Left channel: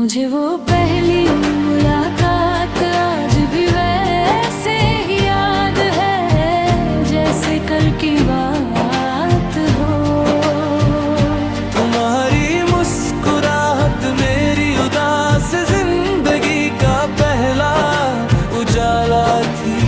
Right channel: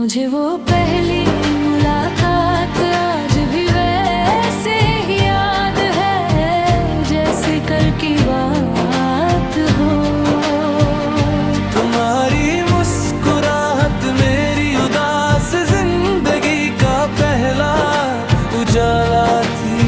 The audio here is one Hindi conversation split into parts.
मुझे वो पहली मुलाकात आज भी वैसे ही याद है जैसे कल की बात हो। तुम्हारी मुस्कुराहट मेरी उदास जिंदगी का पहला उजाला थी।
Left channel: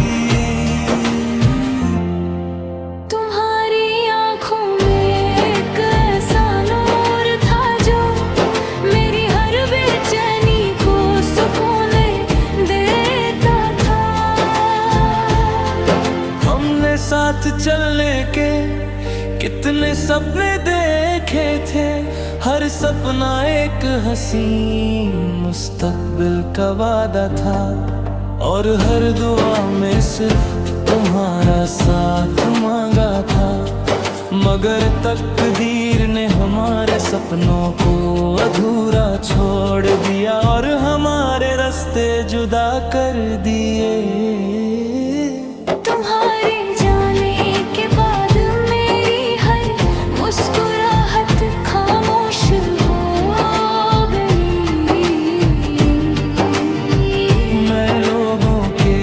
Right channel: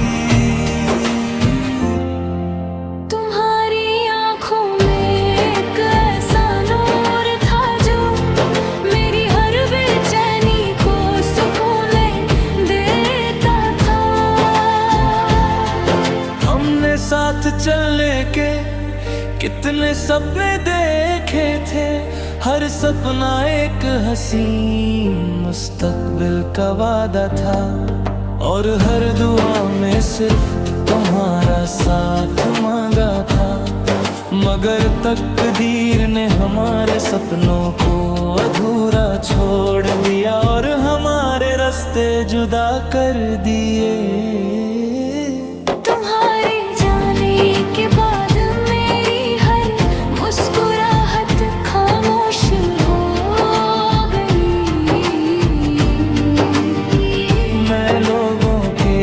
साथ चलने के कितने सपने देखे थे, हर सपना एक हसीन मुस्तकबिल का वादा था। और हर दुआ में सिर्फ तुम्हारा साथ मांगा था। मगर तकदीर ने हमारे सपनों को अधूरा छोड़ दिया और हमारे रास्ते जुदा कर दिए। मुस्कुराहट खामोश हो गई। मैं लोगों के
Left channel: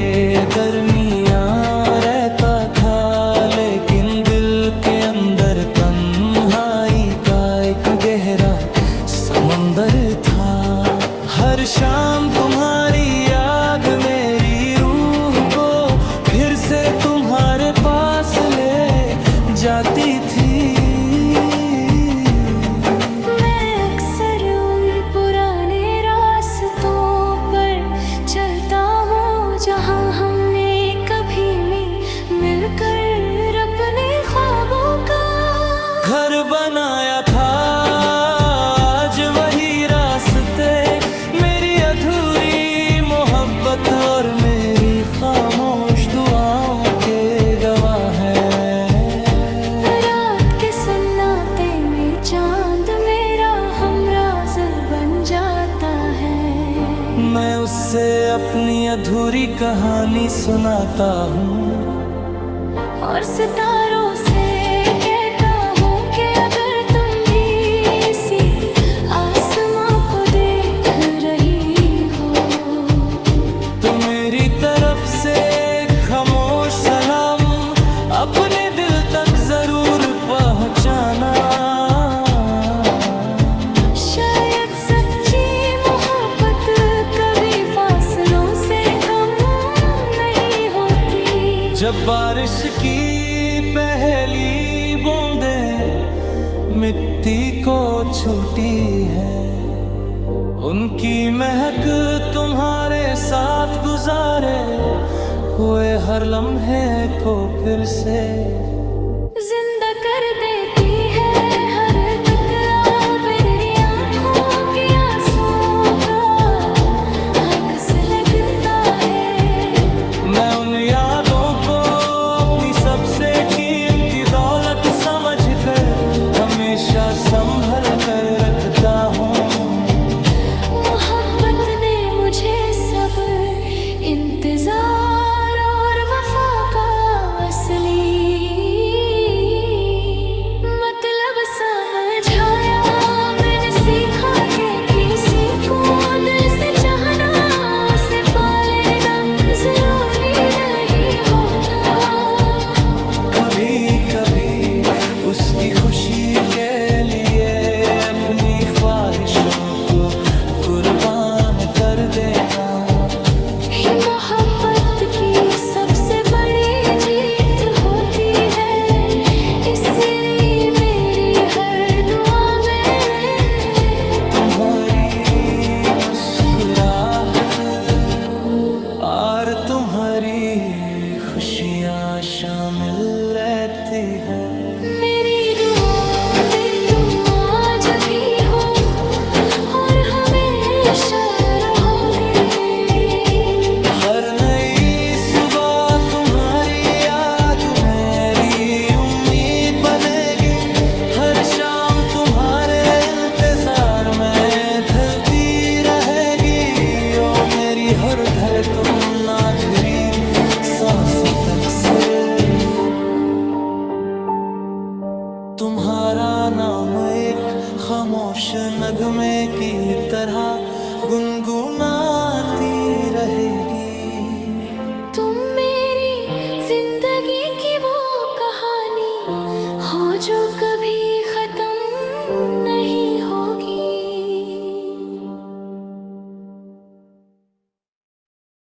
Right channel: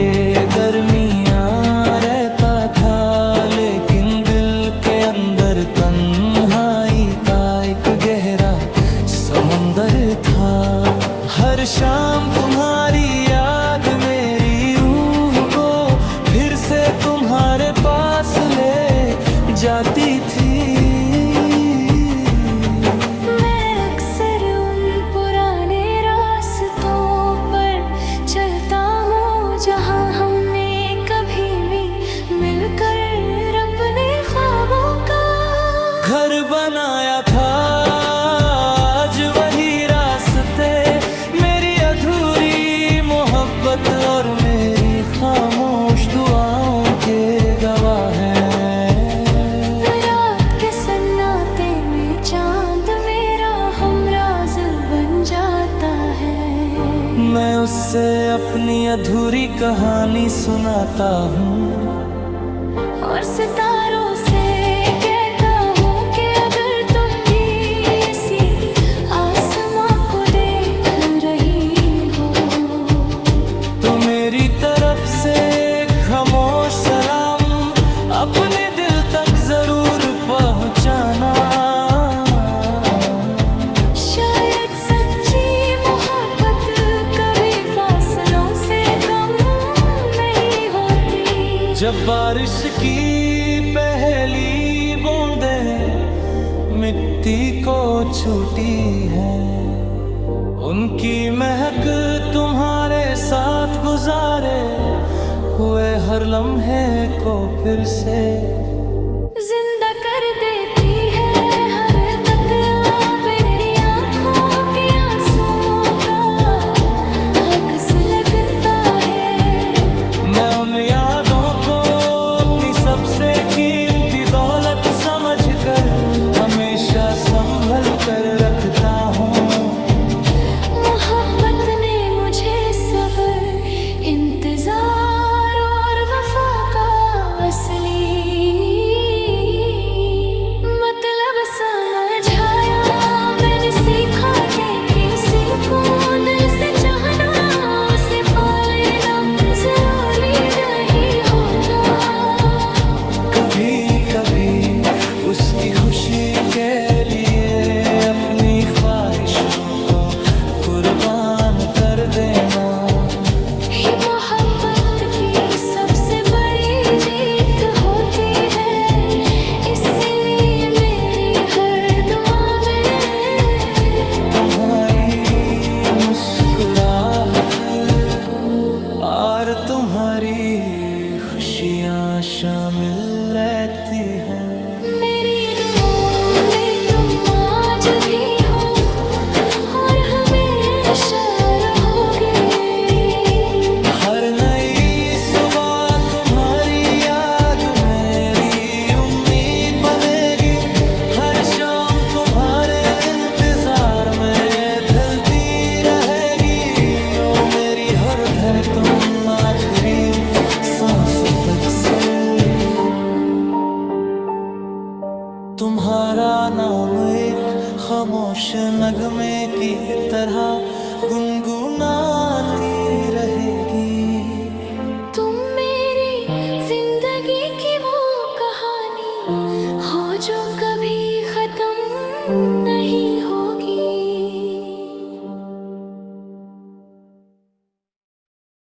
दरमियां रहता था, लेकिन दिल के अंदर तन्हाई का एक गहरा समंदर था। हर शाम तुम्हारी याद मेरी रूह को फिर से तुम्हारे पास ले जाती थी। चलता हूँ जहाँ हमने कभी मिलकर अपने ख्वाबों का घर बनाया था। आज वही रास्ते मेरी अधूरी मोहब्बत और मेरी खामोश दुआओं के गवाह हैं। रात के सन्नाटे में चांद मेरा हमराज बन जाता है। मैं उससे अपनी अधूरी कहानी सुनाता हूँ और सितारों से कहता हूँ कि अगर तुम भी इसी आसमां को देख रही हो तो मेरी तरफ से खामोश सलाम अपने दिल तक जरूर पहुँचाना। जब बारिश की पहली बूंदें मिट्टी को छूटी है, उनकी महक तुम्हारे साथ गुजारे हुए हर लम्हे को फिर से जिंदा कर देती है। हर तक मेरी आँखों के आंसुओं का अक्स लगता है। मैं उन यादों को अपनी सबसे कीमती दौलत समझकर हमेशा संभल कर रखता हूँ। मोहब्बत ने मुझे सब इंतजार और वफा का असली मतलब समझाया। मैंने सीखा कि किसी को दिल से चाहना उसे पा लेना जरूरी नहीं होता। कभी कभी उसकी खुशी के लिए अपनी ख्वाहिशों को कुर्बान कर देना ये मोहब्बत की सबसे बड़ी जीत होती है। इसलिए मेरी हर दुआ में तुम्हारी मुस्कुराहट और तुम्हारी खुशियाँ शामिल रहती है। मेरी दुआओं में तुम आज भी हो और हमेशा रहोगे। हर नई सुबह तुम्हारी याद मेरी उम्मीद बनेगी। हर शाम तुम्हारे इंतजार में ढलती रहेगी। ओ मेरी हर धर तुम आखिरी सांस तक सिर्फ तुम्हारा नाम एक खामोश नगमे की तरह गुनगुनाती रहेगी। तुम मेरी जिंदगी की वो कहानी हो जो कभी खत्म नहीं हो।